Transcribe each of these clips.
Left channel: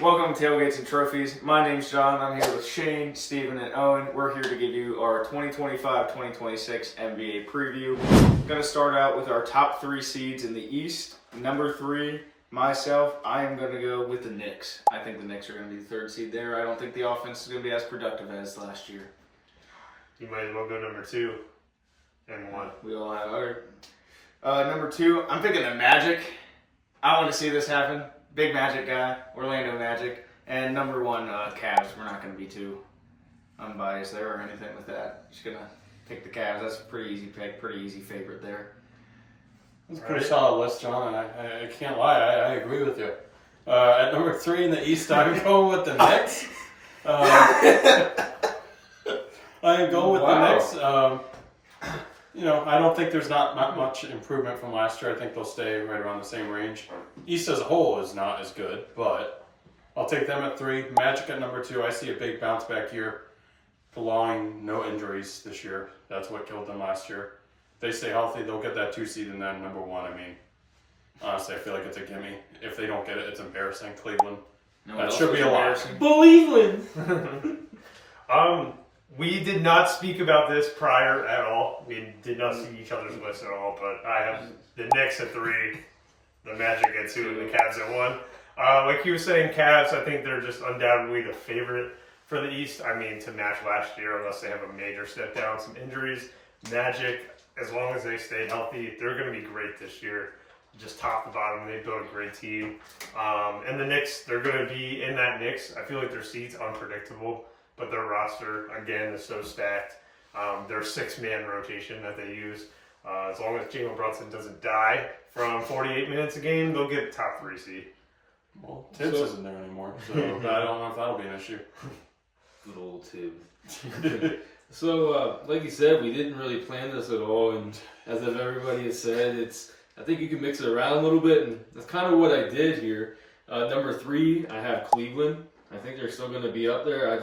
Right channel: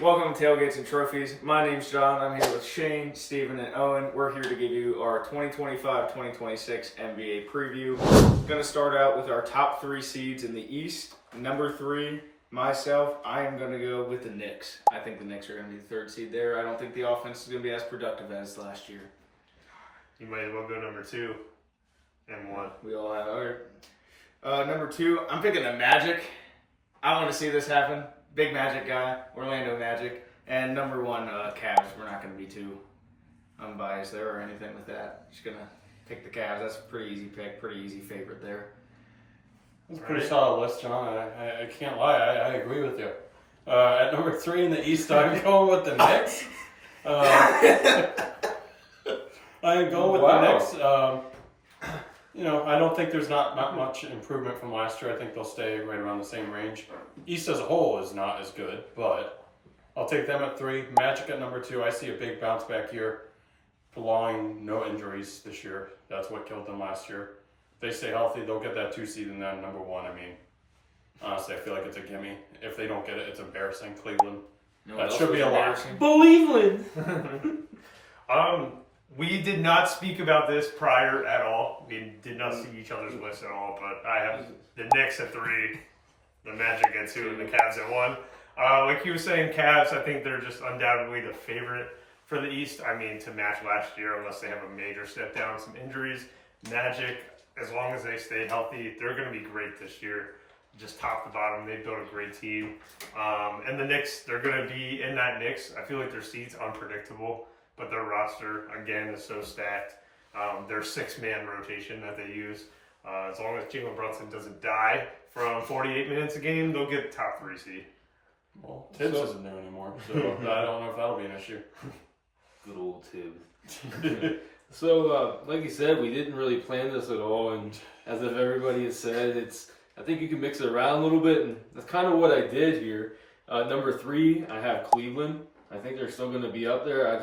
Welcome to Tailgates and Trophies. My name's John. I'm here with Shane, Steven, and Owen. We're here to give you our 2025-2026 NBA preview. Going to start out with our top three seeds in the East. Number three, myself, I am going to go with the Knicks. I think the Knicks are going to be the third seed there. I don't think the offense is going to be as productive as last year. You might as well go number two and one. We all have our number two, I'm picking the Magic. I want to see this happen. Big Magic guy, Orlando Magic. And number one, Cavs. We're not going to be too unbiased there or anything like that. Just going to pick the Cavs. That's a pretty easy pick, pretty easy favorite there. It's a pretty solid list, John. I can't lie. I agree with you. At number three in the East, I'm going with the Knicks. I'm going with the Knicks. I don't think there's not much improvement from last year. I think they'll stay right around the same range. East as a whole is not as good, but I'll take them at three. Magic at number two. I see a big bounce back year. Belonging, no injuries this year. That's what killed them last year. If they stay healthy, they'll get that 2 seed and then number one. I mean, honestly, I feel like it's a gimme. If they don't get it, it's embarrassing. Cleveland. That should be a lot. Cleveland. We did not speak about this prior at all. We did not see each other's list at all, but I have the Knicks at three, the Magic at two, and the Cavs at one. Like you were saying, Cavs, I think they're just undoubtedly the favorite for the East. I mean, to match last year, unless they have a major step down, some injuries. Magic, as long as they stay healthy, they're going to be great this year. Just top to bottom, they built a great team. And the Knicks, they're going to be in that Knicks. I feel like their seat's unpredictable, but their roster, again, is so stacked. Their 6-man rotation that they use, as long as Jalen Brunson doesn't die from 48 minutes a game, they'll get top 3 seed. Well, Tibbs isn't there anymore, so I don't know if that'll be an issue. Good old Tibbs. So, like you said, we didn't really plan this at all, and as if everybody has said, I think you can mix it around a little bit, and that's kind of what I did here. Number three, I have Cleveland. I think they're still going to be up there. I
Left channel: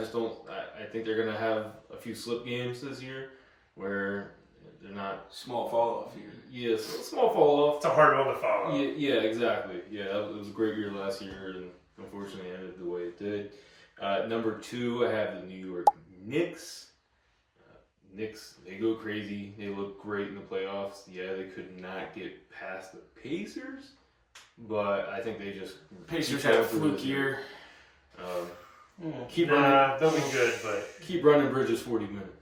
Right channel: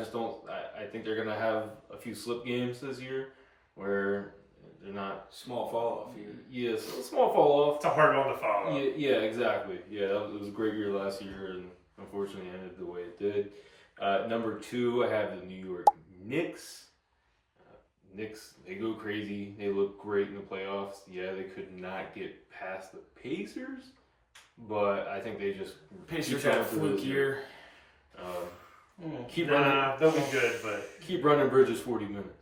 think they're going to have a few slip games this year where they're not. Small fall off here. Yes, small fall off. It's a hard one to follow. Yeah, exactly. Yeah, it was a great year last year, and unfortunately ended the way it did. Number two, I have the New York Knicks. Knicks, they go crazy. They look great in the playoffs. Yeah, they could not get past the Pacers, but I think they just Pacers had a fluke year. They'll be good, but keep running Bridges 40 minutes.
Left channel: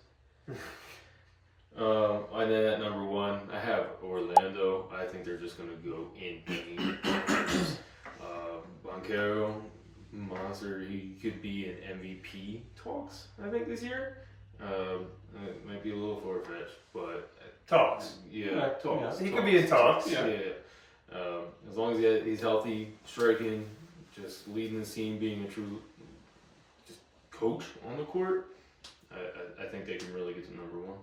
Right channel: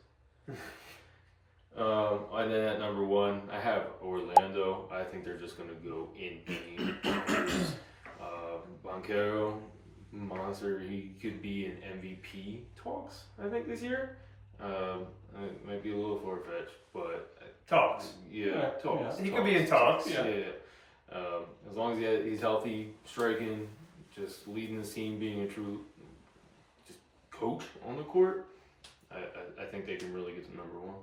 And then at number one, I have Orlando. I think they're just going to go in. Banchero, monster. He could be in MVP talks, I think, this year. It might be a little far-fetched, but talks. Yeah, talks. He could be in talks. Yeah. As long as he's healthy, striking, just leading the team, being a true just coach on the court, I think they can really get to number one.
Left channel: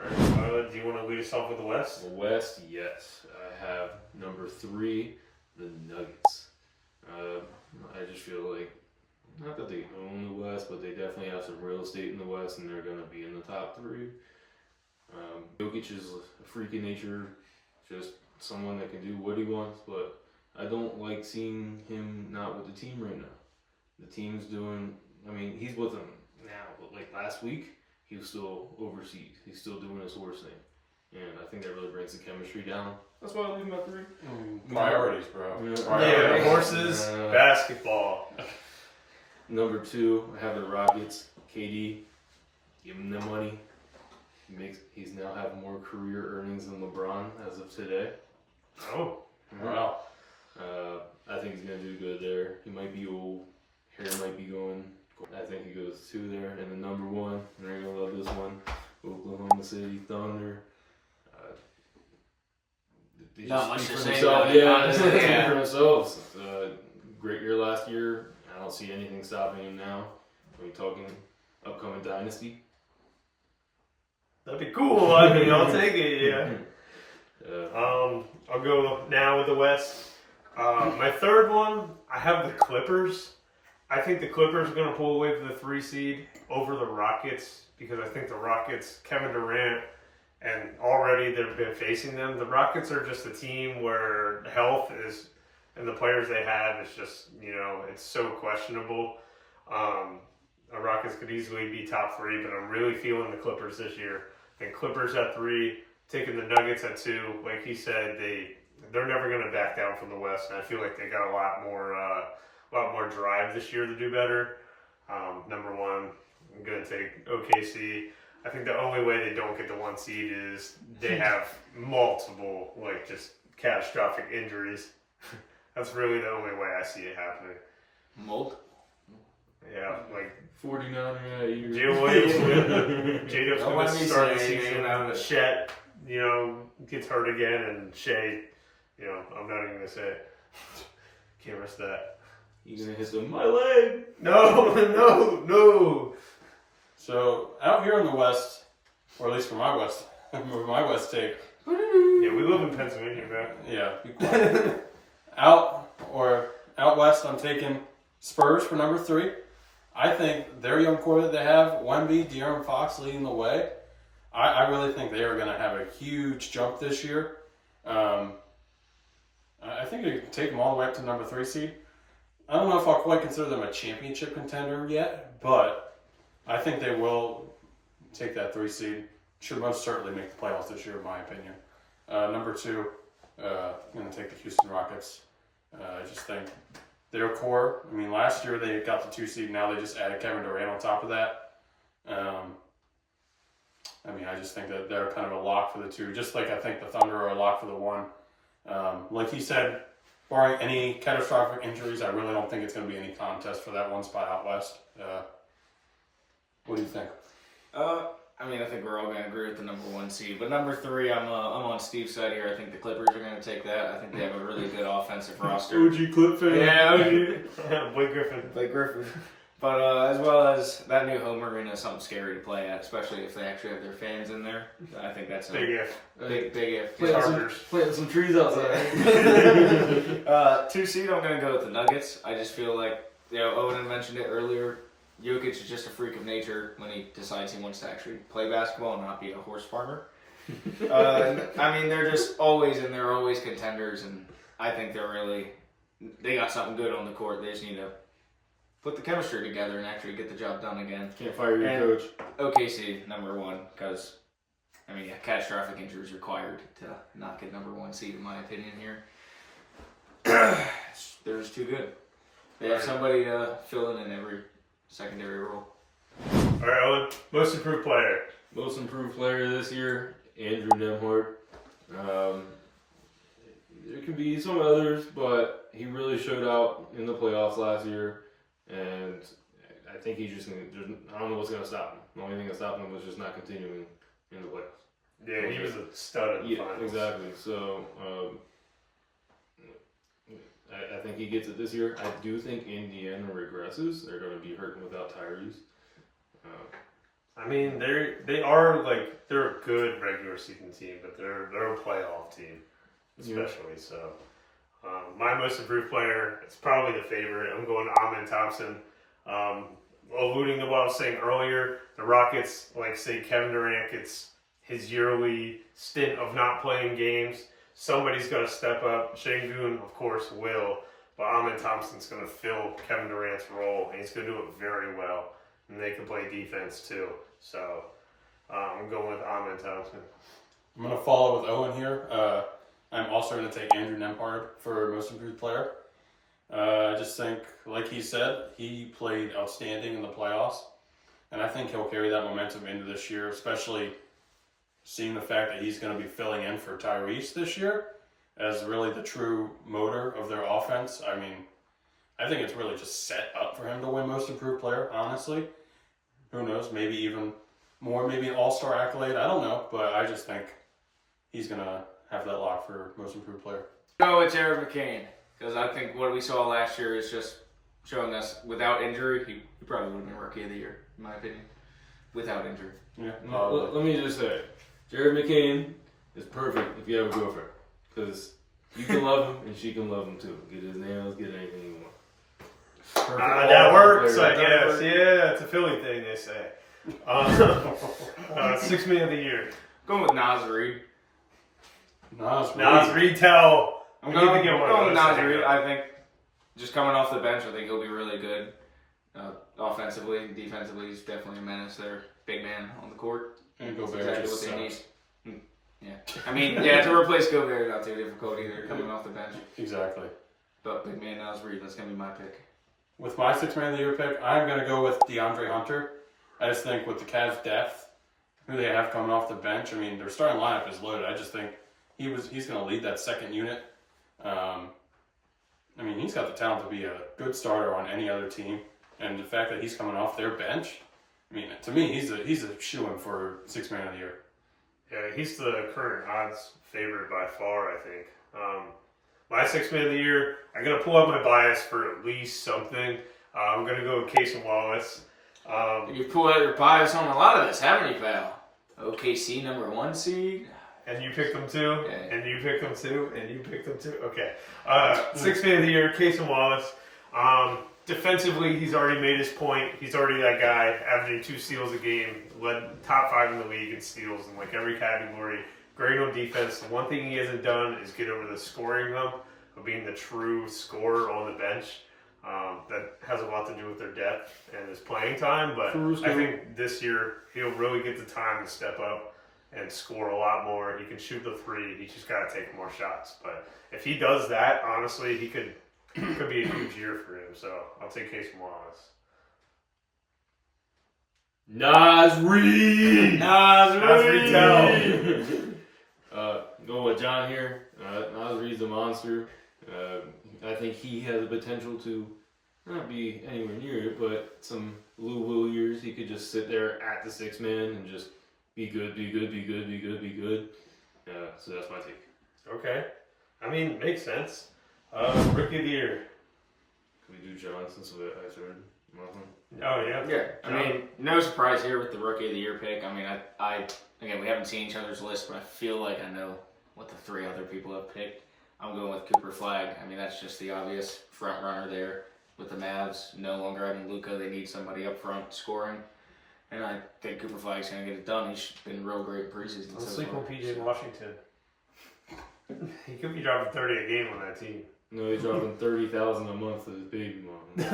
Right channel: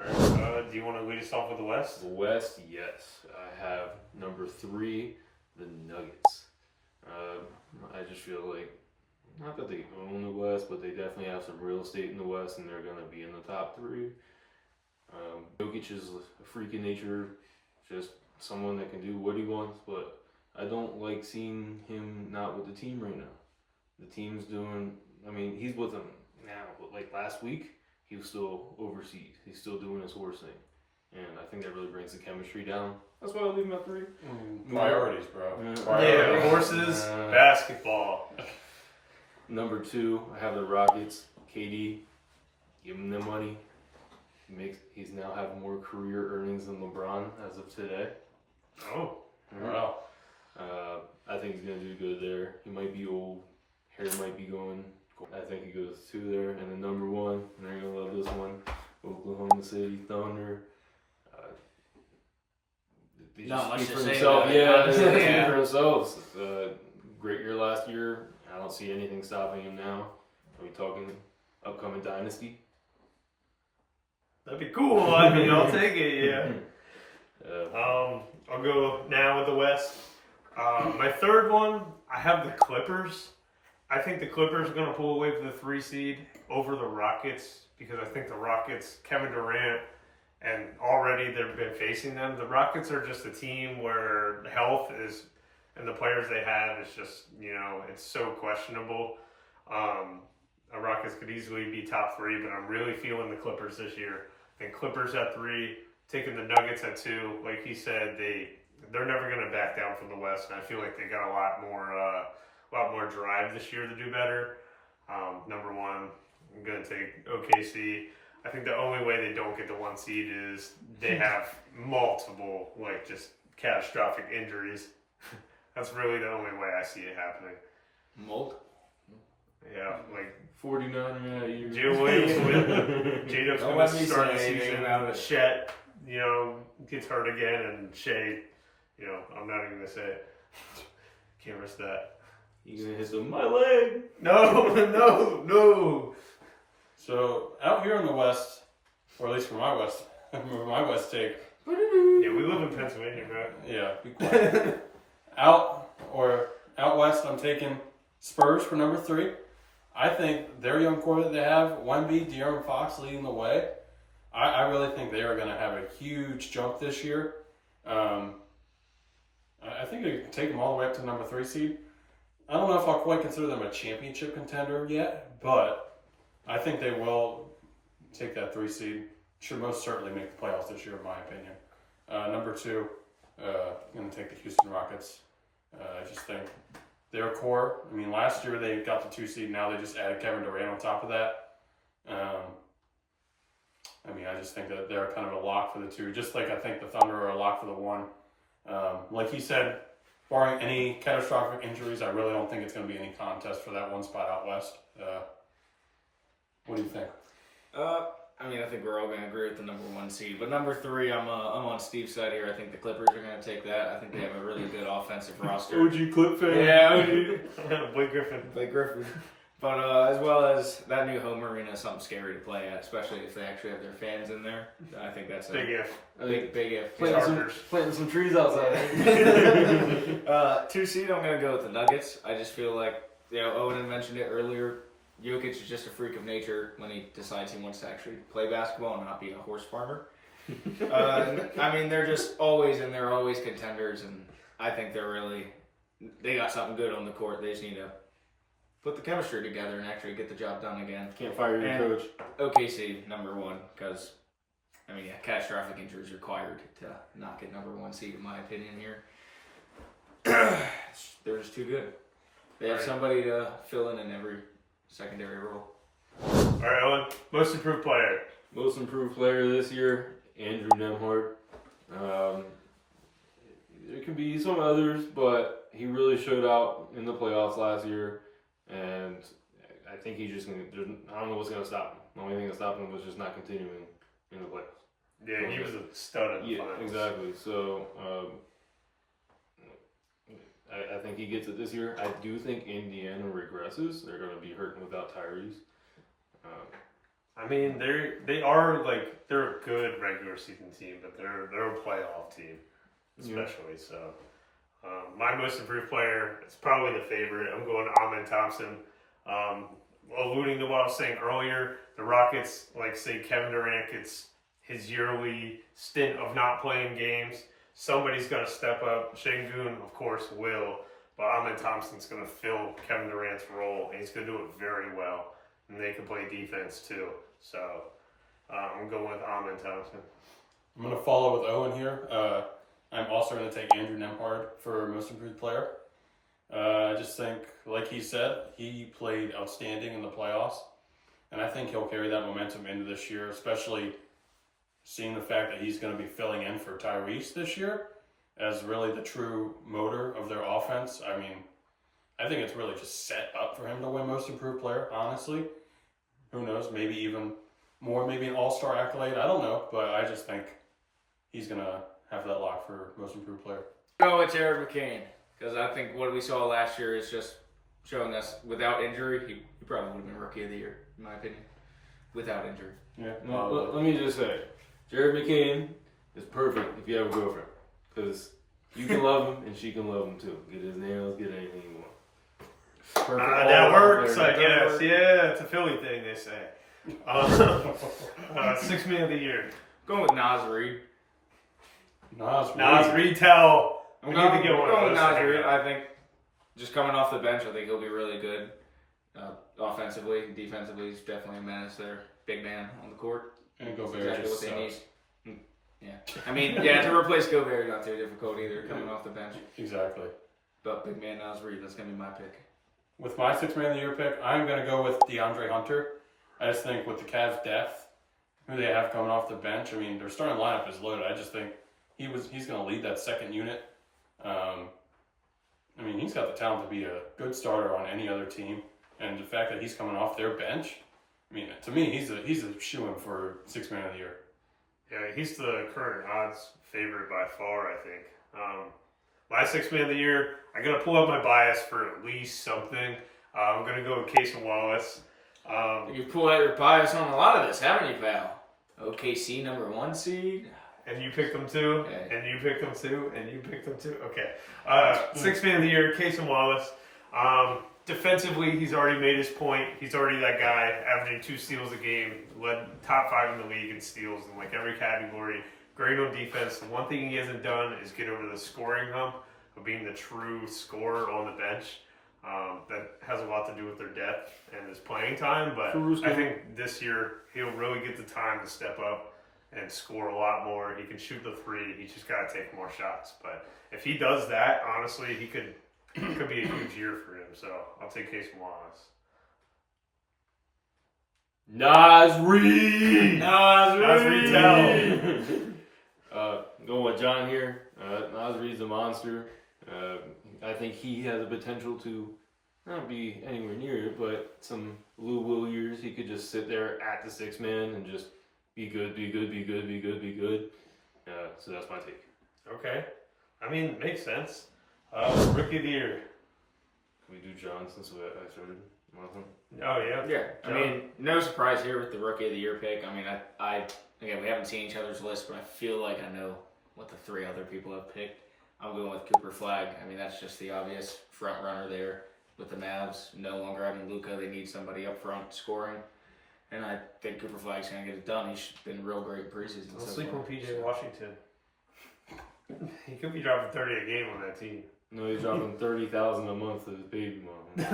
All right. Do you want to lead us off with the West? The West, yes. I have number three, the Nuggets. I just feel like, not that they own the West, but they definitely have some real estate in the West, and they're going to be in the top three. Jokic is a freak in nature, just someone that can do what he wants, but I don't like seeing him not with the team right now. The team's doing, he's with them now, but like last week, he was still overseas. He's still doing his horse thing. And I think that really brings the chemistry down. That's why I leave him at three. Priorities, bro. Yeah, horses, basketball. Number two, I have the Rockets. KD, give him the money. He's now have more career earnings than LeBron as of today. Oh, wow. I think he's going to do good there. He might be old. Hair might be going. I think he goes two there. And then number one, and you're going to love this one, Oklahoma City Thunder. Not much to say. Yeah, they speak for themselves. Great year last year. I don't see anything stopping him now. Talking upcoming dynasty. that'd be cool. I'll take it. Yeah. I'll go now with the West. My third one, I have the Clippers. I think the Clippers are going to pull away from the 3 seed over the Rockets because I think the Rockets, Kevin Durant, and already they've been facing them. The Rockets are just a team where health is and the players they have, it's just, it's so questionable. The Rockets could easily be top 3, but I'm really feeling the Clippers this year. I think Clippers at 3, taking the Nuggets at 2. Like he said, they're never going to back down from the West, and I feel like they got a lot more drive this year to do better. Number 1, I'm going to take OKC. I think the only way they don't get the 1 seed is they have multiple, just catastrophic injuries. That's really the only way I see it happening. Yeah, 49 Jay Williams J-Dub's Don't going let to me start the say anything season. about it. Chet, gets hurt again, and Shea, I'm not even going to say it. Can't risk that. You're gonna hit my leg. No. So out here in the West, or at least for my West take, Yeah, we live in Pennsylvania, man. yeah, be quiet. out West, I'm taking Spurs for number 3. I think their young core that they have, Wemby, De'Aaron Fox leading the way. I really think they are going to have a huge jump this year. I think they can take them all the way up to number 3 seed. I don't know if I'll quite consider them a championship contender yet, but I think they will take that 3 seed. Should most certainly make the playoffs this year, in my opinion. Number 2, I'm going to take the Houston Rockets. I just think their core, last year they got the 2 seed, now they just added Kevin Durant on top of that. I just think that they're kind of a lock for the 2, just like I think the Thunder are a lock for the 1. Like he said, barring any catastrophic injuries, I really don't think it's going to be any contest for that 1 spot out West. What do you think? I think we're all going to agree with the number 1 seed. But number 3, I'm on Steve's side here. I think the Clippers are going to take that. I think they have a really good offensive roster. OG Clip fan. Yeah, OG. Blake Griffin. Blake Griffin. But as well as that new home arena is something scary to play at, especially if they actually have their fans in there. I think that's a Big if. big if. Planting some trees outside. 2 seed, I'm going to go with the Nuggets. I just feel like, Owen had mentioned it earlier, Jokic is just a freak of nature when he decides he wants to actually play basketball and not be a horse farmer. They're just always in there, always contenders, and I think they got something good on the court. They just need to put the chemistry together and actually get the job done again. Can't fire your coach. OKC, number 1, because, catastrophic injuries required to not get number 1 seed, in my opinion, here. They're just too good. They have somebody to fill in every secondary role. All right, Owen, most improved player. Most improved player this year, Andrew Nembhard. There can be some others, but he really showed out in the playoffs last year, and I think he's just going to, I don't know what's going to stop him. The only thing that stopped him was just not continuing in the playoffs. Yeah, he was a stud in the finals. Exactly. So, I think he gets it this year. I do think Indiana regresses. They're going to be hurting without Tyrese. They're a good regular season team, but they're a playoff team, especially. Yeah. So, my most improved player, it's probably the favorite. I'm going Amen Thompson. Alluding to what I was saying earlier, the Rockets, say Kevin Durant gets his yearly stint of not playing games. Somebody's got to step up. Şengün, of course, will. But Amen Thompson's going to fill Kevin Durant's role, and he's going to do it very well. And they can play defense, too. So, I'm going with Amen Thompson. I'm going to follow with Owen here. I'm also going to take Andrew Nembhard for most improved player. I just think, like he said, he played outstanding in the playoffs. And I think he'll carry that momentum into this year, especially seeing the fact that he's going to be filling in for Tyrese this year as really the true motor of their offense. I think it's really just set up for him to win most improved player, honestly. Who knows? Maybe even more, maybe an all-star accolade. I don't know, but I just think he's going to have that lock for most improved player. No, it's Eric McCain. Because I think what we saw last year is just showing us without injury, he probably would have been Rookie of the Year, in my opinion. Without injury. Yeah. Let me just say, Jared McCain is perfect if you have a girlfriend. Because you can love him and she can love him too. Get his nails, get anything you want. That works, I guess. Yeah, it's a Philly thing, they say. 6 Man of the Year. Going with Nas Reed. Nas Reed tell. We need to get one of those. Naz Reid. I think just coming off the bench, I think he'll be really good. Offensively, defensively, he's definitely a menace there. Big man on the court. And Gobert Exactly just what they sucks. need. Yeah. I mean, yeah, to replace Gobert, not too difficult either, coming off the bench. Exactly. But big man Naz Reid, that's going to be my pick. With my Sixth Man of the Year pick, I'm going to go with DeAndre Hunter. I just think with the Cavs' depth, who they have coming off the bench, I mean, their starting lineup is loaded. I just think he's going to lead that second unit. I mean, he's got the talent to be a good starter on any other team. And the fact that he's coming off their bench, I mean, to me, he's a shoo-in for Sixth Man of the Year. Yeah, he's the current odds favorite by far, I think. My Sixth Man of the Year, I'm going to pull up my bias for at least something. I'm going to go with Casey Wallace. You've pulled out your bias on a lot of this, haven't you, Val? OKC #1 seed. And you picked them too, Yeah. and you picked them too, and you picked them too. Okay. Sixth Man of the Year, Casey Wallace. Defensively, he's already made his point. He's already that guy, averaging 2 steals a game, led top 5 in the league in steals in like every category. Great on defense. The one thing he hasn't done is get over the scoring hump of being the true scorer on the bench. That has a lot to do with their depth and his playing time, but I think this year he'll really get the time to step up and score a lot more. He can shoot the 3. He just got to take more shots. But if he does that, honestly, he could be a huge year for him. So I'll take Casey Wallace. Naz Reid. Naz Reid. Going with John here. Naz Reid's a monster. I think he has the potential to not be anywhere near it, but some Lou Will years, he could just sit there at the 6 man and just be good. So that's my take. Okay. I mean, makes sense. Rookie of the Year. Can we do John since I started? Oh, yeah. Yeah, I mean, no surprise here with the Rookie of the Year pick. I mean, I again, we haven't seen each other's list, but I feel like I know what the 3 other people have picked. I'm going with Cooper Flag. I mean, that's just the obvious front runner there with the Mavs. No longer having Luka, they need somebody up front scoring. And I think Cooper Flag's going to get it done. He's been real great preseason. Don't so sleep far. on PJ Washington. He could be dropping 30 a game on that team. No, he's dropping $30,000 a month to his baby mom.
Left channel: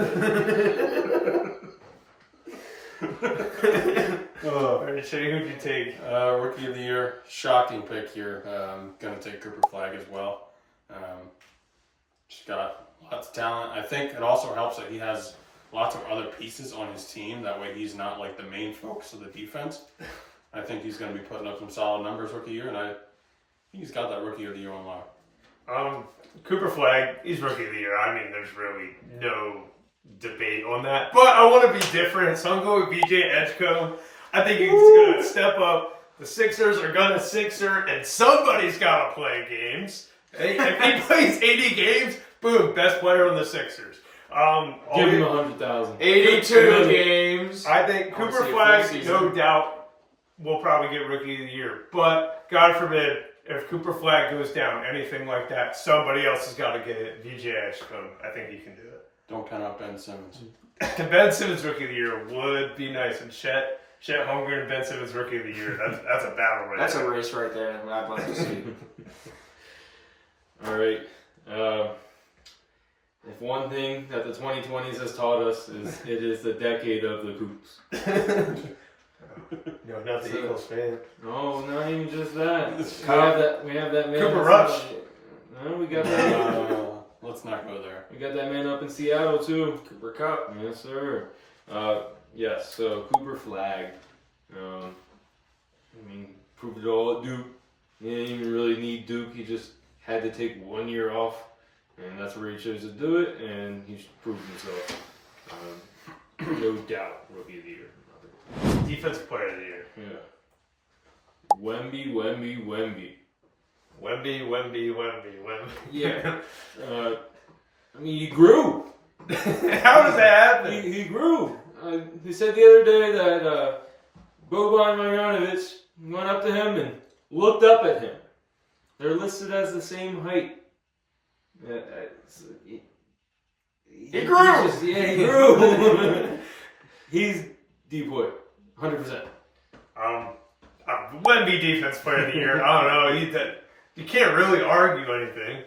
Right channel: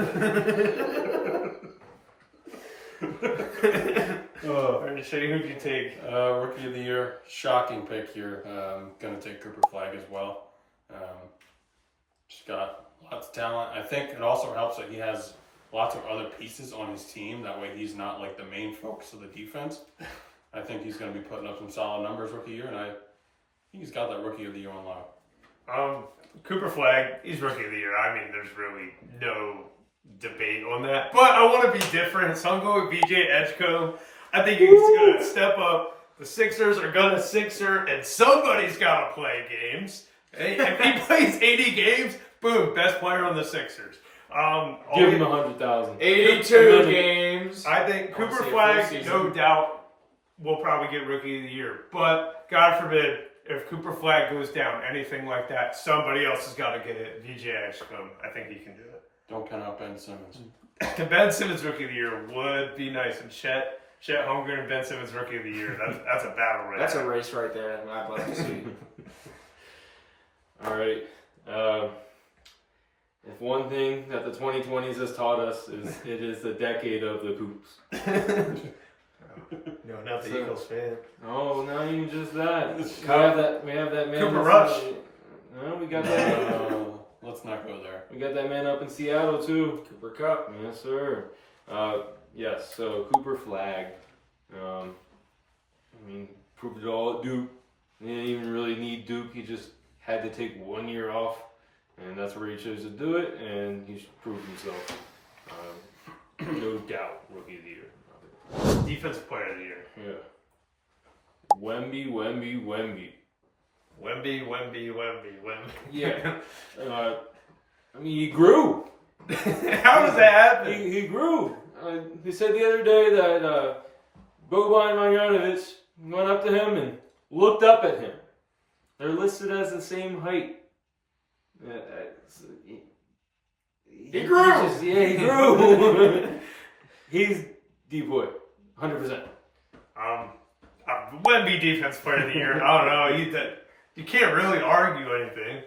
All right, Shane, who'd you take? Rookie of the Year, shocking pick here. Going to take Cooper Flag as well. Just got lots of talent. I think it also helps that he has lots of other pieces on his team. That way he's not like the main focus of the defense. I think he's going to be putting up some solid numbers rookie year, and I think he's got that Rookie of the Year on lock. Cooper Flag, he's Rookie of the Year. I mean, there's really no debate on that. But I want to be different, so I'm going with BJ Edgecombe. I think he's going to step up. The Sixers are going to Sixer, and somebody's got to play games. If he plays 80 games, boom, best player on the Sixers. Give him 100,000. 82 games. I think I wanna Cooper see a Flag, full no season. doubt, will probably get Rookie of the Year. But God forbid, if Cooper Flag goes down, anything like that, somebody else has got to get it. VJ Edgecombe, I think he can do it. Don't count out Ben Simmons. Ben Simmons Rookie of the Year would be nice, and Chet Holmgren and Ben Simmons Rookie of the Year. That's a battle right That's there. a race right there. I'd like to see. All right. If one thing that the 2020s has taught us is it is the decade of the Coops. No, not the So- Eagles fan. Oh, not even just that. We have that man. Cooper that's- Rush. No, we got that. Let's not go there. We got that man up in Seattle too. Cooper Cup. Yes, sir. Yes. So Cooper Flag. I mean, proved it all at Duke. He didn't even really need Duke. He just had to take 1 year off, and that's where he chose to do it. And he's proved himself. No doubt, Rookie of the Year. Defensive Player of the Year. Yeah. Wemby. Wemby. Yeah. I mean, he grew. How does that happen? He grew. He said the other day that Boban Marjanovic went up to him and looked up at him. They're listed as the same height. He grew! He grew. He's deep boy. 100%. Wemby Defense Player of the Year. I don't know. You can't really argue anything.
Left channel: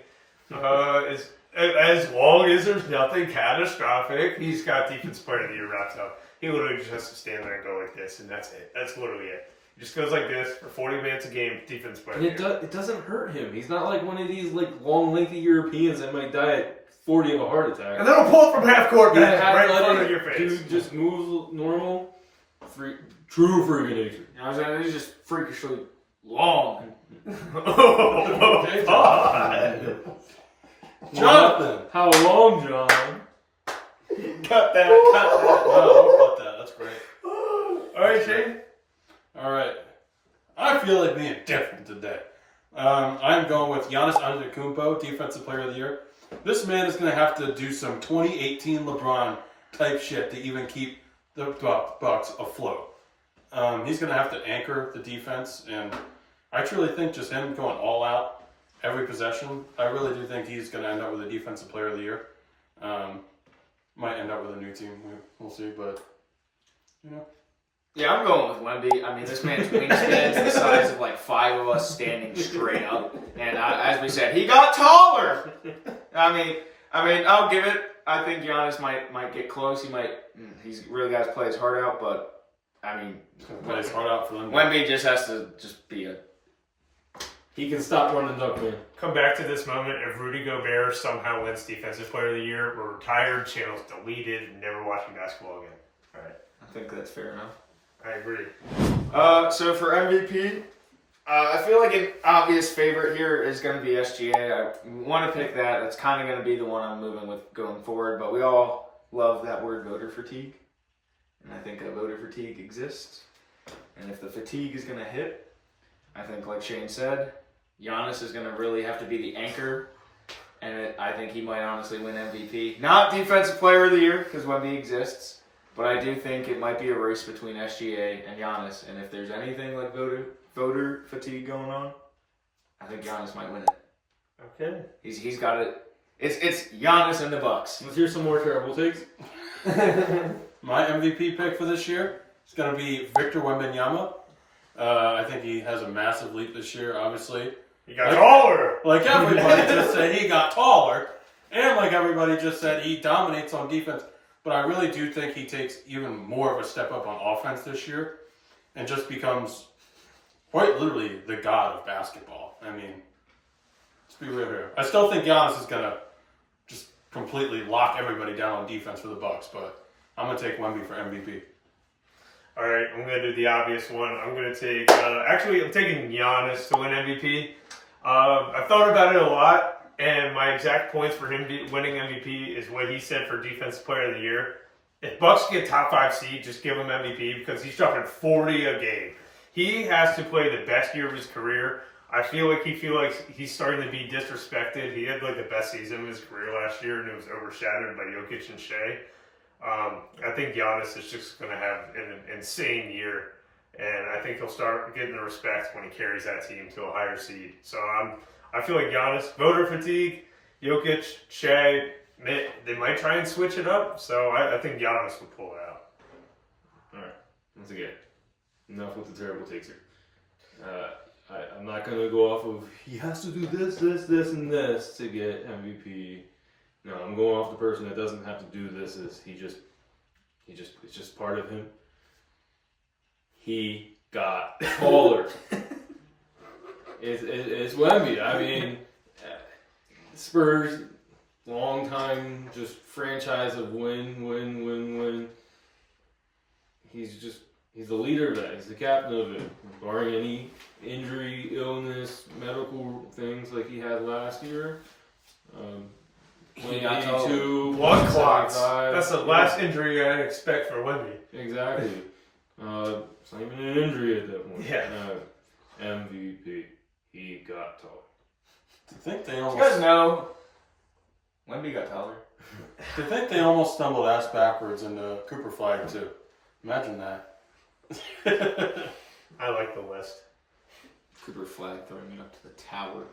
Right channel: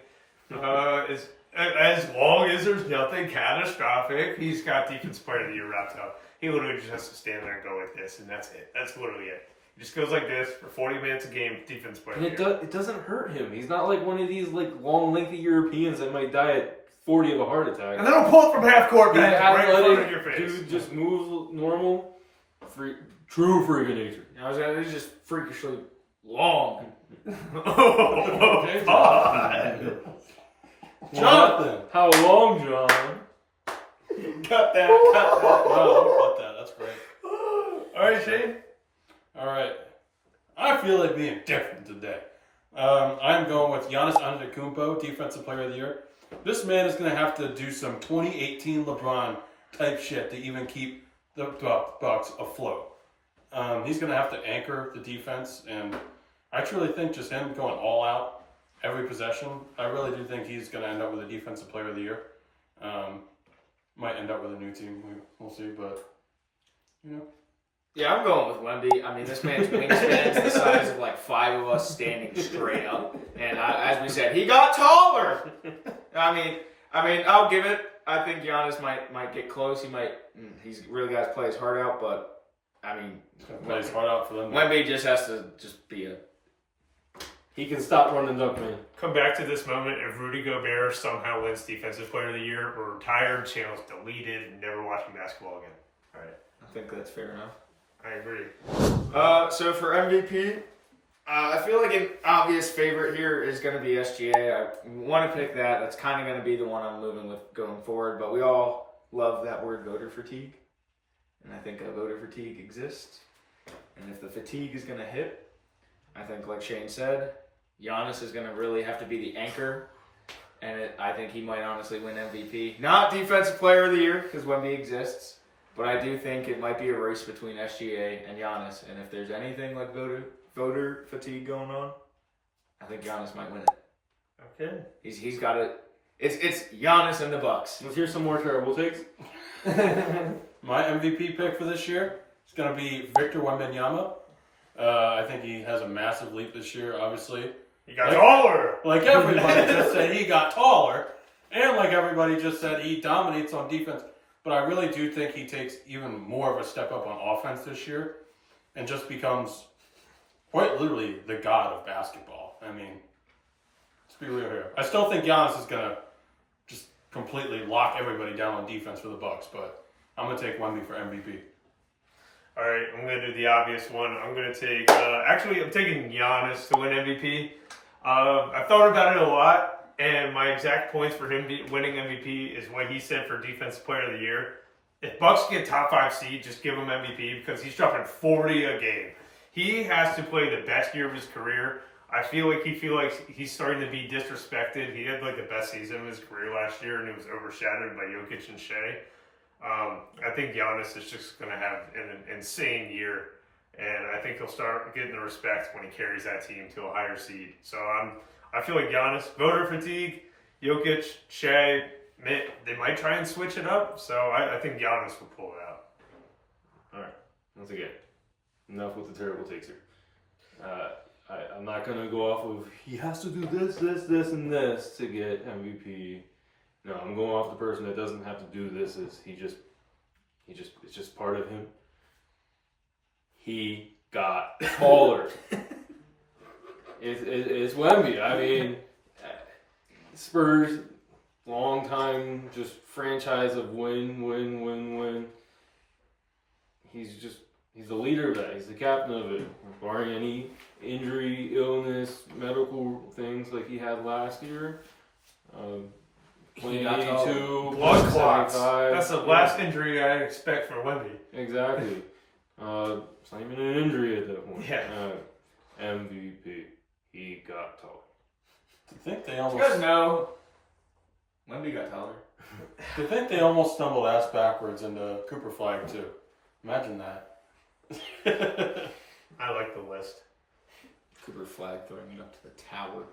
As long as there's nothing catastrophic, he's got defense player of the year wrapped up. He literally just has to stand there and go like this, and that's it. That's literally it. He just goes like this for 40 minutes a game, defense player of And the year. it doesn't hurt him. He's not like one of these like long, lengthy Europeans that might die at 40 of a heart attack. And then I'll pull it from half court, He man, right in front of athletic, your face. dude just moves normal. True freak of nature. I was gonna, he's just freakishly long. Oh, God. Jonathan! How long, John? Cut that. Wow, cut that. That's great. All right, Shane. All right. I feel like being different today. I'm going with Giannis Antetokounmpo, Defensive Player of the Year. This man is going to have to do some 2018 LeBron type shit to even keep the Bucks afloat. He's going to have to anchor the defense, and I truly think just him going all out every possession, I really do think he's going to end up with a Defensive Player of the Year. Might end up with a new team. We'll see, but, you know. Yeah, I'm going with Wemby. I mean, this man's wingspan's the size of like 5 of us standing straight up. And as we said, he got taller. I mean, I'll give it. I think Giannis might get close. He's really got to play his heart out. But I mean, He's going to play his heart out for them. Wemby just has to just be a. He can stop running up, man. Come back to this moment. If Rudy Gobert somehow wins Defensive Player of the Year, we're retired, channel's deleted, and never watching basketball again. All right. I think that's fair enough. I agree. So for MVP, I feel like an obvious favorite here is going to be SGA. I want to pick that. That's kind of going to be the one I'm moving with going forward. But we all love that word voter fatigue. And I think voter fatigue exists. And if the fatigue is going to hit, I think like Shane said, Giannis is going to really have to be the anchor. And I think he might honestly win MVP. Not Defensive Player of the Year, because Wemby exists. But I do think it might be a race between SGA and Giannis. And if there's anything like voter fatigue going on, I think Giannis might win it. Okay. He's got it. It's Giannis and the Bucks. Let's hear some more terrible takes. My MVP pick for this year is going to be Victor Wembanyama. I think he has a massive leap this year, obviously. He got taller. Like everybody just said, he got taller. And like everybody just said, he dominates on defense. But I really do think he takes even more of a step up on offense this year and just becomes quite literally the god of basketball. I mean, let's be real here. I still think Giannis is going to just completely lock everybody down on defense for the Bucks, but I'm going to take Wemby for MVP. All right, I'm going to do the obvious one. I'm going to take, I'm taking Giannis to win MVP. I've thought about it a lot. And my exact points for him winning MVP is what he said for Defensive Player of the Year. If Bucks get top 5 seed, just give him MVP because he's dropping 40 a game. He has to play the best year of his career. I feel like he's starting to be disrespected. He had like the best season of his career last year, and it was overshadowed by Jokic and Shea. I think Giannis is just going to have an insane year, and I think he'll start getting the respect when he carries that team to a higher seed. So I feel like Giannis, voter fatigue, Jokic, Shea, they might try and switch it up. So I think Giannis will pull it out. All right, once again, enough with the terrible takes here. I'm not going to go off of he has to do this, and this to get MVP. No, I'm going off the person that doesn't have to do this. It's just part of him. He got taller. It's Wemby. I mean, Spurs, long time, just franchise of win. He's the leader of that. He's the captain of it. Barring any injury, illness, medical things like he had last year. Playing 82, Blood clots. 75. That's the last injury I'd expect for Wemby. Exactly. It's not even an injury at that point. Yeah. MVP. He got taller. I think they You almost. guys know Wemby got taller. I think they almost stumbled ass backwards into Cooper Flag too. Imagine that. I like the list. Cooper Flag throwing him up to the tower.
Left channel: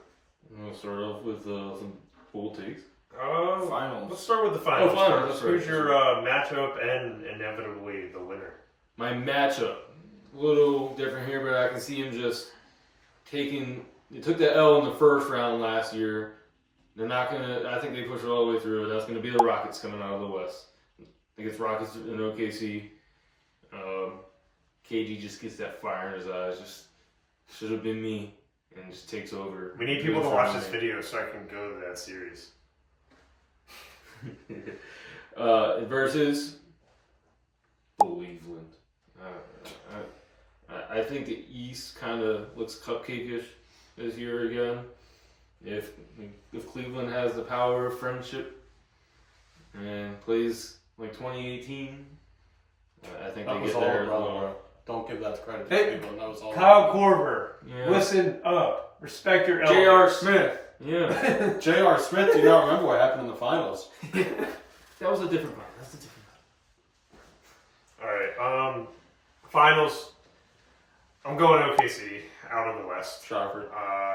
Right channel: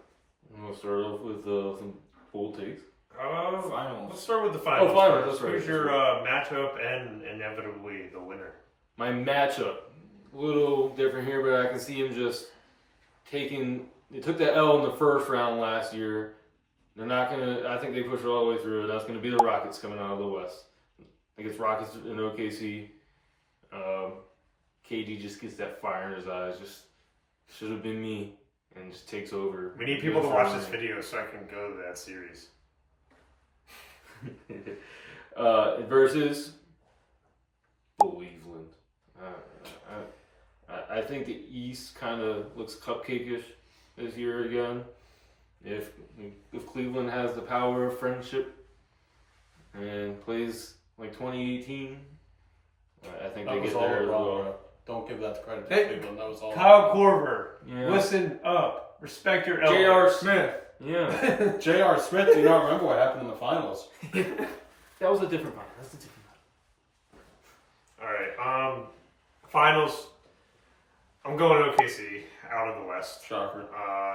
We'll start off with some bold takes. Finals. Let's start with the finals. Oh, finals, First. that's right. Who's your matchup and inevitably the winner? My matchup, a little different here, but I can see him just taking. He took the L in the first round last year, they're not gonna. I think they push it all the way through. That's gonna be the Rockets coming out of the West. I think it's Rockets and OKC. KD just gets that fire in his eyes. Just should have been me, and just takes over. We need people to watch this video so I can go to that series. Versus Cleveland. I think the East kind of looks cupcake-ish this year again. If Cleveland has the power of friendship and plays like 2018, I think That they was get all there as LeBron, well. bro. Don't give that credit to Hey, Cleveland. That was all. Kyle Korver, Yeah. listen up. Respect your J.R. elders. Smith. Yeah, J.R. Smith, do you not remember what happened in the finals? that was a different part. That's a different All right. Finals. I'm going OKC out of the West. Shocker.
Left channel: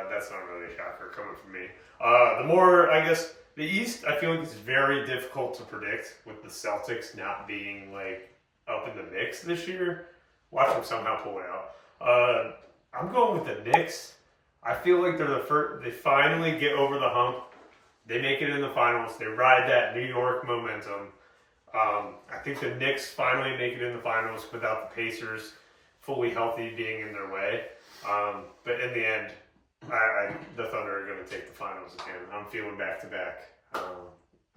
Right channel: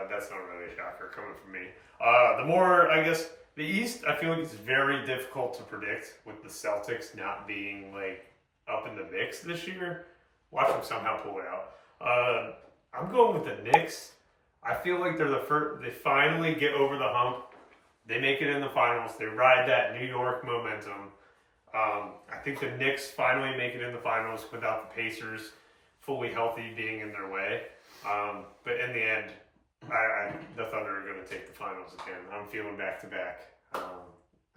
That's not really a shocker coming from me. The more, I guess, the East, I feel like it's very difficult to predict with the Celtics not being like up in the mix this year. Watch them somehow pull it out. I'm going with the Knicks. I feel like they're the first. They finally get over the hump. They make it in the finals. They ride that New York momentum. I think the Knicks finally make it in the finals without the Pacers fully healthy being in their way. But in the end, the Thunder are going to take the finals again. I'm feeling back to back.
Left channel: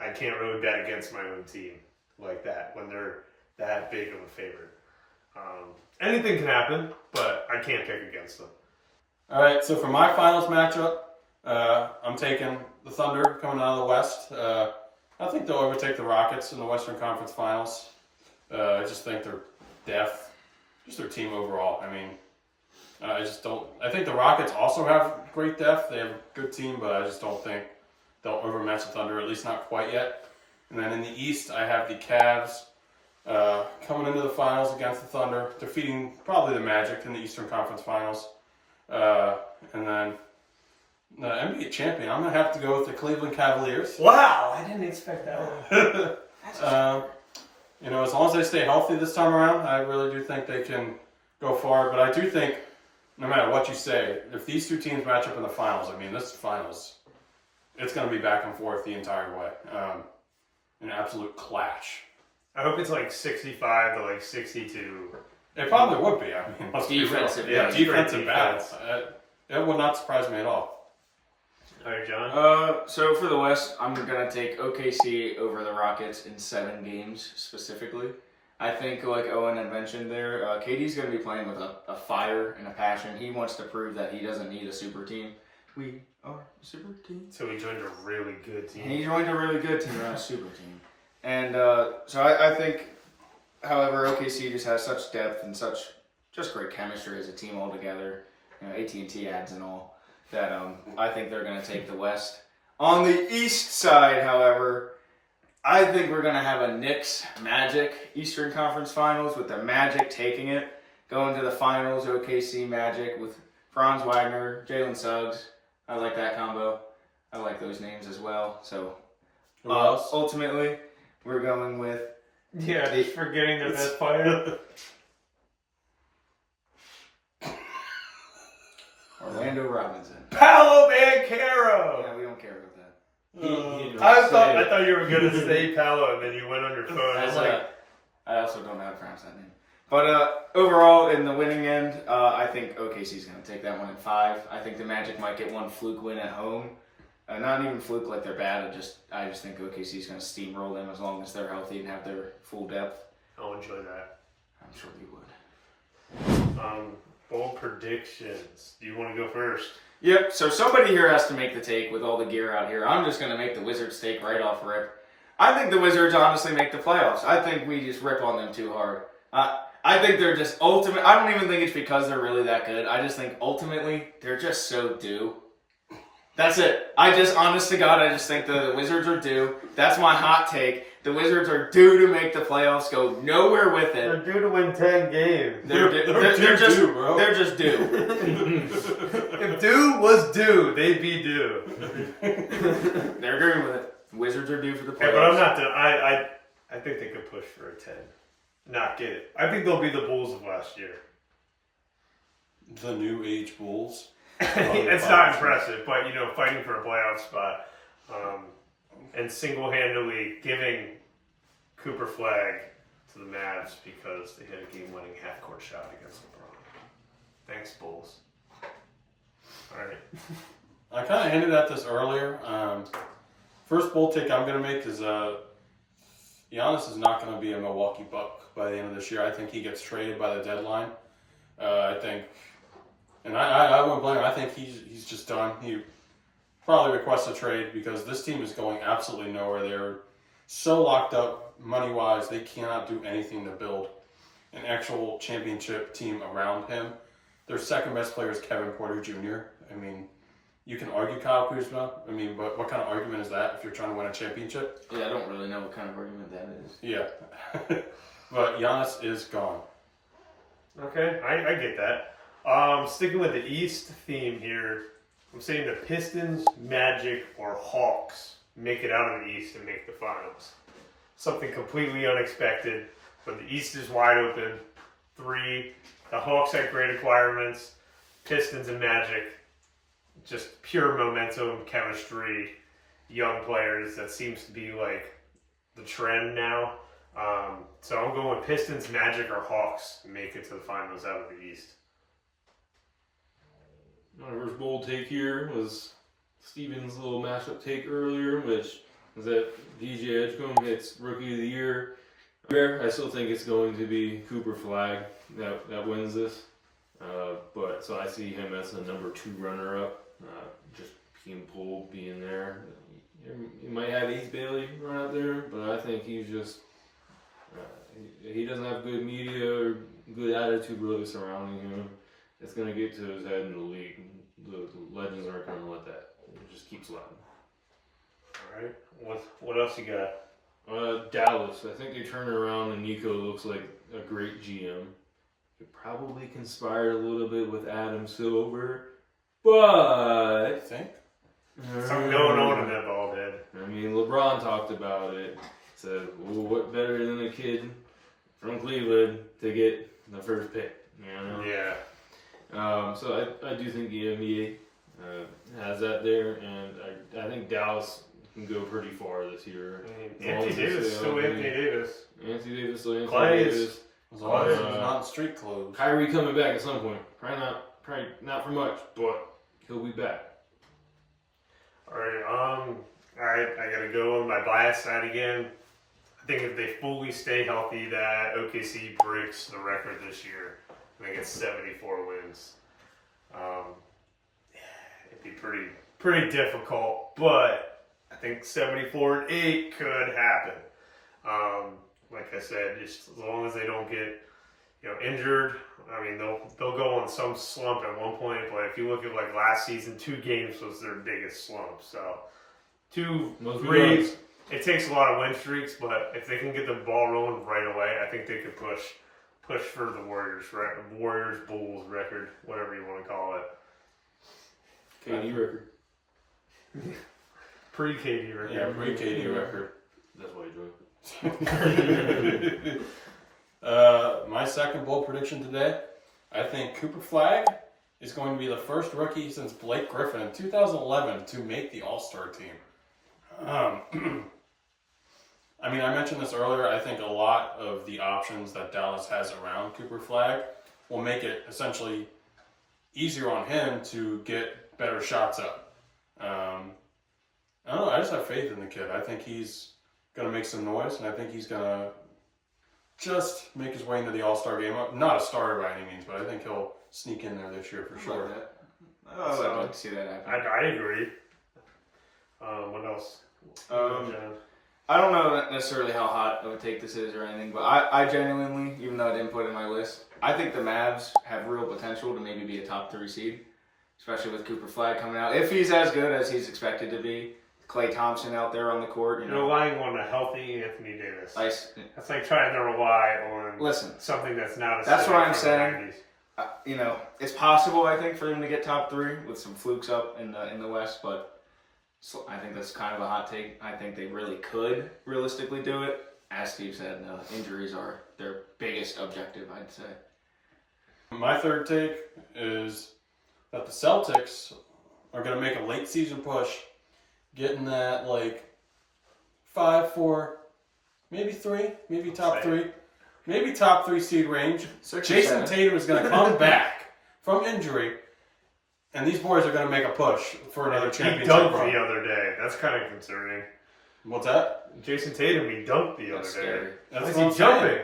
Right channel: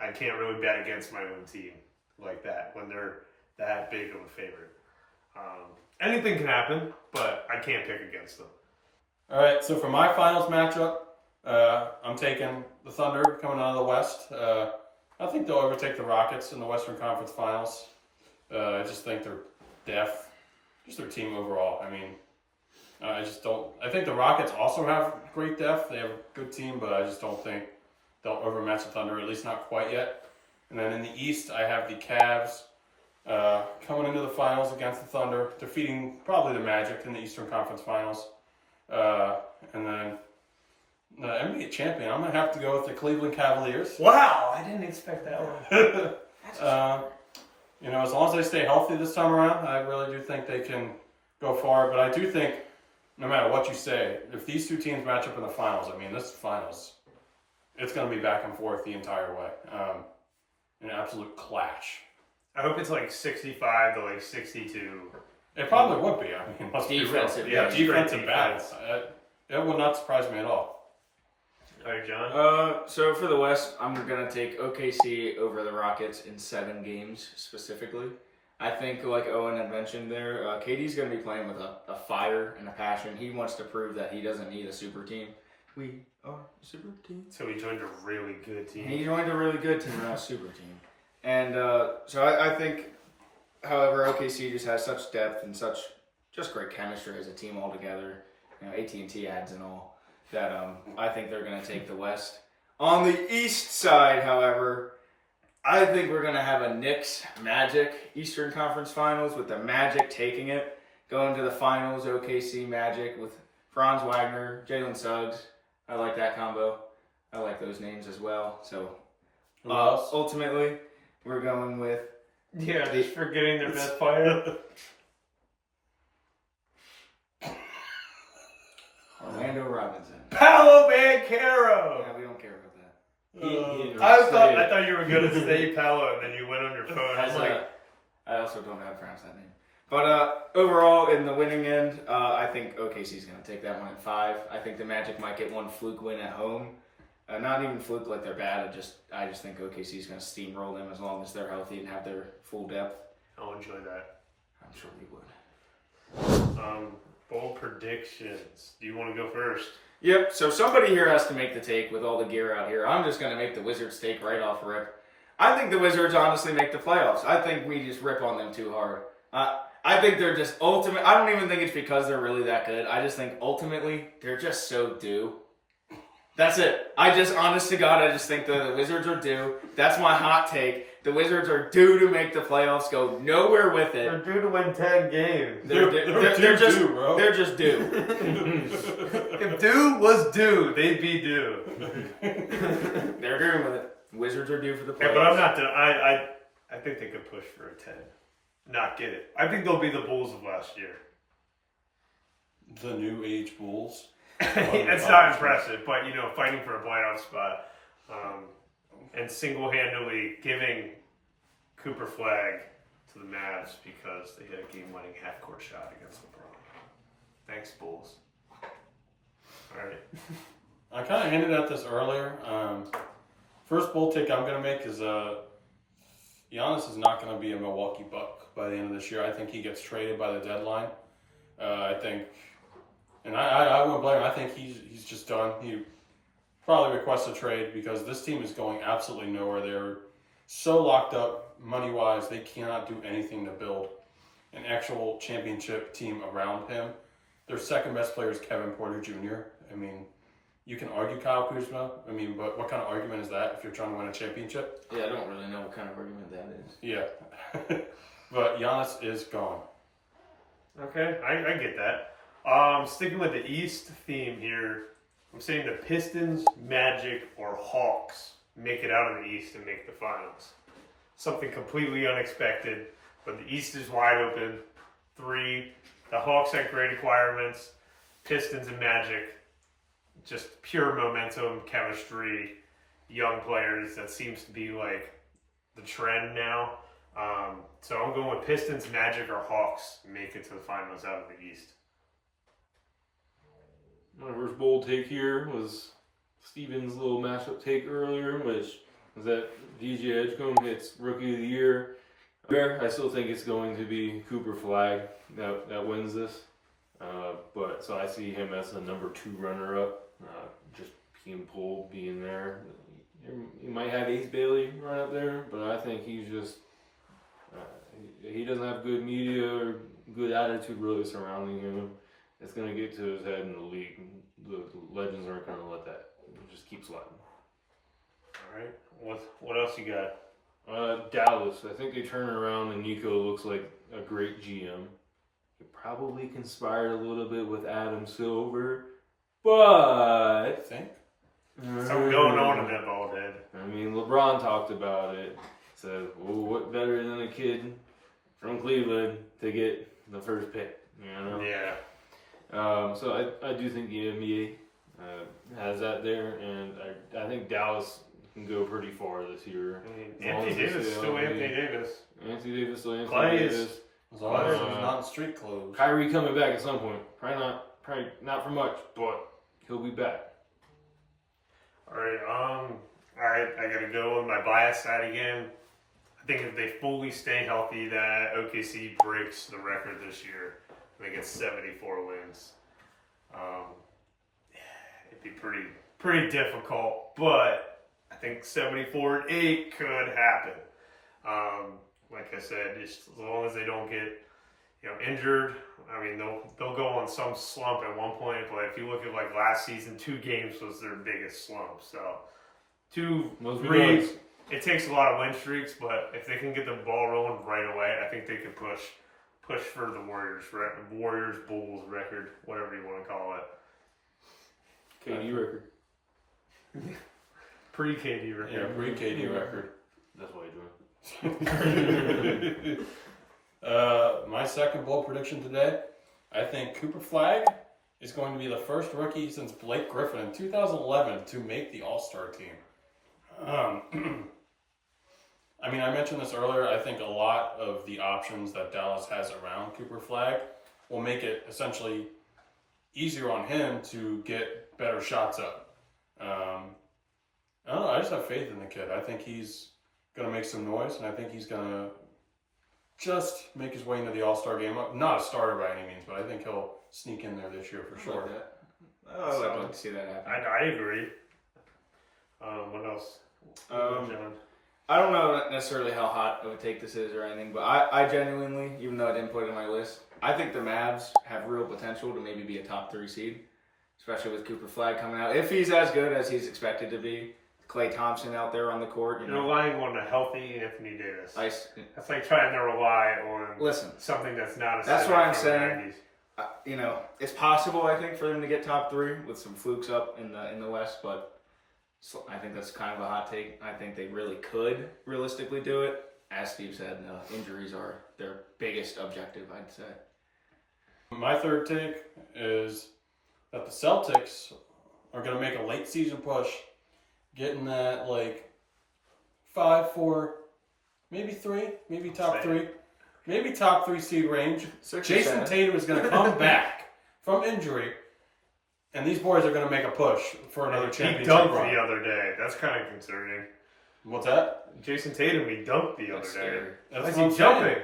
I can't really bet against my own team like that when they're that big of a favorite. Anything can happen, but I can't pick against them. All right, so for my finals matchup, I'm taking the Thunder coming out of the West. I think they'll overtake the Rockets in the Western Conference Finals. I just think their depth, just their team overall. I mean, I just don't. I think the Rockets also have great depth. They have a good team, but I just don't think they'll overmatch the Thunder, at least not quite yet. And then in the East, I have the Cavs coming into the finals against the Thunder, defeating probably the Magic in the Eastern Conference Finals. And then the NBA champion, I'm going to have to go with the Cleveland Cavaliers. Wow, I didn't expect that one. You know, as long as they stay healthy this time around, I really do think they can go far. But I do think, no matter what you say, if these two teams match up in the finals, I mean, this finals, it's going to be back and forth the entire way. An absolute clash. I hope it's like 65 to like 62. It probably would be. I mean, let's Defensive, be real. yeah, Defensive straight battle. defense. It would not surprise me at all. All right, John. So for the West, I'm gonna take OKC over the Rockets in 7 games specifically. I think, like Owen had mentioned there, KD's gonna be playing with a fire and a passion. He wants to prove that he doesn't need a super team. We are a super team. So he joined a really good team. And he joined a really good team, not a super team. And so I think, however, OKC just has such depth and such just great chemistry as a team altogether. You know, AT&T ads and all that. I think they're going to take the West. On the East side, however, I think we're going to have a Knicks Magic Eastern Conference Finals with the Magic taking it, going to the finals. OKC Magic with Franz Wagner, Jalen Suggs. I like that combo. I like those names as well. So Who else? ultimately, we're going with Yeah, just forgetting their best player. Orlando Robinson. Paolo Banchero. Yeah, we don't care about that. He I thought you were going to say Paolo, and then you went on your phone. I was like, I also don't know how to pronounce that name. But overall, in the winning end, I think OKC's going to take that one in 5. I think the Magic might get one fluke win at home. Not even fluke like they're bad. I just think OKC's going to steamroll them as long as they're healthy and have their full depth. I'll enjoy that. I'm sure you would. Bold predictions. Do you want to go first? Yep, so somebody here has to make the take with all the gear out here. I'm just going to make the Wizards take right off rip. I think the Wizards honestly make the playoffs. I think we just rip on them too hard. I think they're just ultimate. I don't even think it's because they're really that good. I just think ultimately they're just so due. That's it. Honest to God, I just think the Wizards are due. That's my hot take. The Wizards are due to make the playoffs, go nowhere with it. They're due to win 10 games. They're just due, bro. They're just due. If due was due, they'd be due. They're agreeing with it. Wizards are due for the playoffs. Yeah, but I'm not done. I think they could push for a 10. Not get it. I think they'll be the Bulls of last year. The New Age Bulls. It's not impressive, but fighting for a playoff spot. and single-handedly giving Cooper Flag to the Mavs because they hit a game-winning half-court shot against LeBron. Thanks, Bulls. All right. I kind of hinted at this earlier. First bold take I'm going to make is Giannis is not going to be a Milwaukee Buck by the end of this year. I think he gets traded by the deadline. I think, and I wouldn't blame him. I think he's just done. He probably requests a trade because this team is going absolutely nowhere. They're so locked up money-wise, they cannot do anything to build an actual championship team around him. Their second best player is Kevin Porter Jr. I mean, you can argue Kyle Kuzma. I mean, but what kind of argument is that if you're trying to win a championship? Yeah, I don't really know what kind of argument that is. Yeah. But Giannis is gone. Okay, I get that. Sticking with the East theme here, I'm saying the Pistons, Magic, or Hawks make it out of the East and make the finals. Something completely unexpected, but the East is wide open. 3, the Hawks had great acquirements. Pistons and Magic, just pure momentum, chemistry, young players. That seems to be like the trend now. So I'm going with Pistons, Magic, or Hawks make it to the finals out of the East. My first bold take here was Steven's little matchup take earlier, which was that DJ Edgecombe hits Rookie of the Year. I still think it's going to be Cooper Flag that wins this. But so I see him as a number 2 runner-up. Just being pulled, being there. You might have Ace Bailey run up there, but I think he's just he doesn't have good media or good attitude really surrounding him. It's going to get to his head in the league. The legends aren't going to let that. It just keep sliding. All right. What else you got? Dallas. I think they turn around and Nico looks like a great GM. He probably conspired a little bit with Adam Silver, but I think. Something going on in that bald head. I mean, LeBron talked about it. Said, well, what better than a kid from Cleveland to get the first pick, you know? Yeah. So I do think the NBA has that there, and I think Dallas can go pretty far this year. I mean, Anthony Davis is still Anthony Davis. Anthony Davis still Anthony Clay is- Davis. As long as he's not in street clothes. Kyrie coming back at some point. Probably not for much, but he'll be back. All right, I gotta go on my bias side again. I think if they fully stay healthy, that OKC breaks the record this year. I think it's 74 wins. It'd be pretty difficult, but I think 74-8 could happen. Like I said, just as long as they don't get injured. I mean, they'll go on some slump at one point, but if you look at like last season, 2 games was their biggest slump. So 2, 3, it takes a lot of win streaks, but if they can get the ball rolling right away, I think they could push for the Warriors Bulls record, whatever you want to call it. KD record. Pre-KD record. Yeah, pre-KD record. That's what you're doing. My second bold prediction today, I think Cooper Flag is going to be the first rookie since Blake Griffin in 2011 to make the All-Star team. I mean, I mentioned this earlier. I think a lot of the options that Dallas has around Cooper Flag will make it essentially easier on him to get better shots up. I don't know. I just have faith in the kid. I think he's going to make some noise, and I think he's going to just make his way into the All-Star game. Not a starter by any means, but I think he'll sneak in there this year for sure. I'd like to see that happen. I agree. What else? John? I don't know necessarily how hot of a take this is or anything, but I genuinely, even though I didn't put it in my list, I think the Mavs have real potential to maybe be a top 3 seed, especially with Cooper Flag coming out. If he's as good as he's expected to be, Klay Thompson out there on the court. You're relying on a healthy Anthony Davis. That's like trying to rely on something that's not a That's what I'm saying. It's possible, I think, for them to get top 3 with some flukes up in the West, but I think that's kind of a hot take. I think they really could realistically do it. As Steve said, injuries are their biggest objective, I'd say. My third take is that the Celtics are going to make a late season push getting that like 5, 4, maybe 3, maybe top Same. 3, maybe top 3 seed range. 6 or Jason 7. Tatum is going to come back from injury, and these boys are going to make a push for another He championship dunked run. the other day. That's kind of concerning. What's that? Jason Tatum, he dunked the other That's day. scary. That's Why is what he I'm jumping? saying.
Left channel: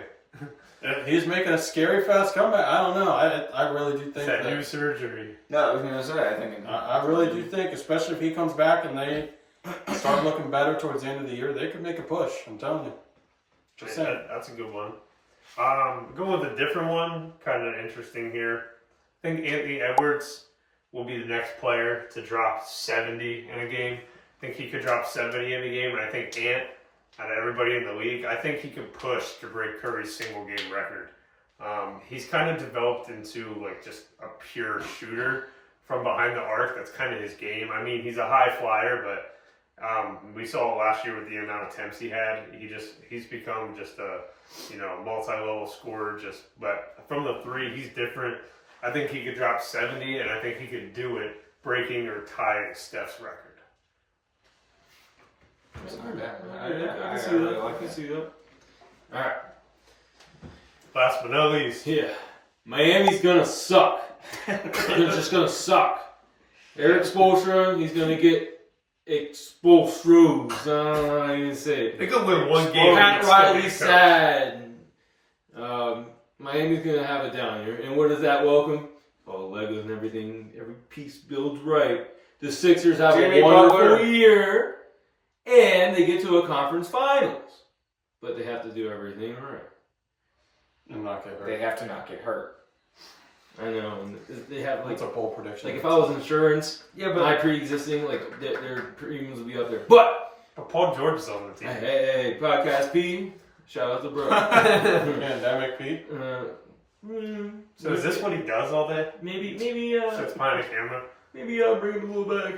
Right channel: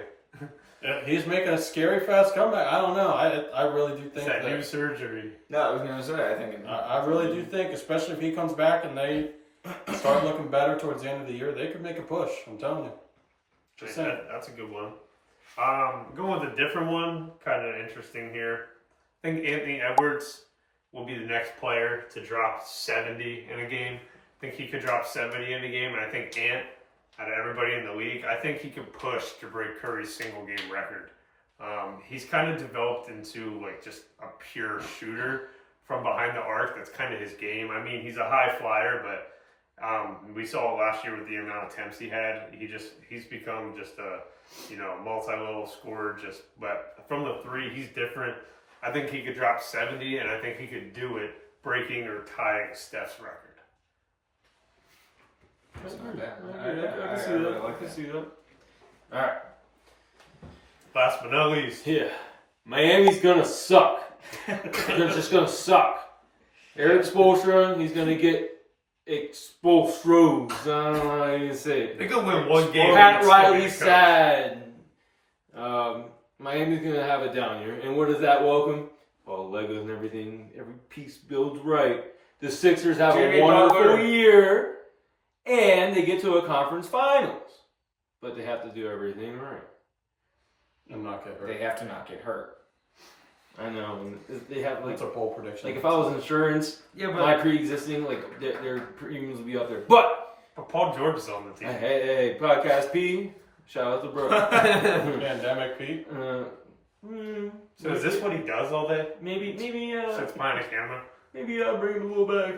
He's making a scary fast comeback. I don't know. I really do Is think that that. new surgery? No, I was gonna say I think. I really do think, especially if he comes back and they start looking better towards the end of the year, they could make a push. I'm telling you. Just saying. That's a good one. Going with a different one, kind of interesting here. I think Anthony Edwards will be the next player to drop 70 in a game. I think he could drop 70 in a game, and I think Ant, out of everybody in the league, I think he could push to break Curry's single game record. He's kind of developed into like just a pure shooter from behind the arc. That's kind of his game. I mean, he's a high flyer, but we saw it last year with the amount of attempts he had. He's become just a multi-level scorer. But from the three, he's different. I think he could drop 70, and I think he could do it breaking or tying Steph's record. That's not bad. I can see really that. I like can that. see that. All right. Last but not least, Yeah, Miami's gonna suck. They're just gonna suck. Eric Spoelstra, he's gonna get exposed. I don't know how you say they it. could win one game. Pat and still be Riley coach. sad. Miami's gonna have a down year, and what does that welcome? All Legos and everything. Every piece builds right. The Sixers have Jimmy a wonderful Butler. year, and they get to a conference finals, but they have to do everything right. And not get hurt. They have to not get hurt. I know. And they have like That's a bold prediction. Like if I was insurance, Yeah, my pre-existing, like their premiums would be up there. But But Paul George is on the team. hey, podcast P, shout out to bro. Pandemic Pete. So is this what he does all day? maybe Sits behind a camera. maybe I'll bring him a little back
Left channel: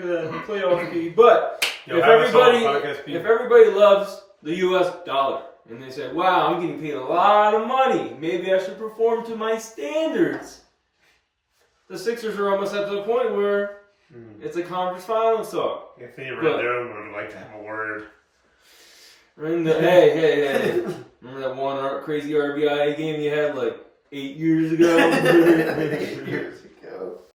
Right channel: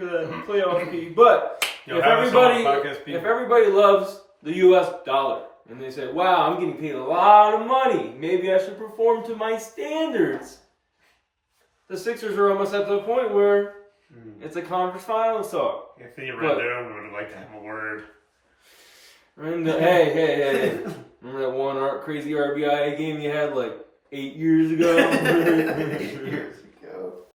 playoff P. But Yo, if have us on everybody podcast P. if everybody loves the U.S. dollar and they say, "Wow, I'm getting paid a lot of money. Maybe I should perform to my standards." The Sixers are almost at the point where it's a conference finals talk. Anthony Rendon would like to have a word. Hey. Remember that one crazy RBI game you had like 8 years ago? 8 years.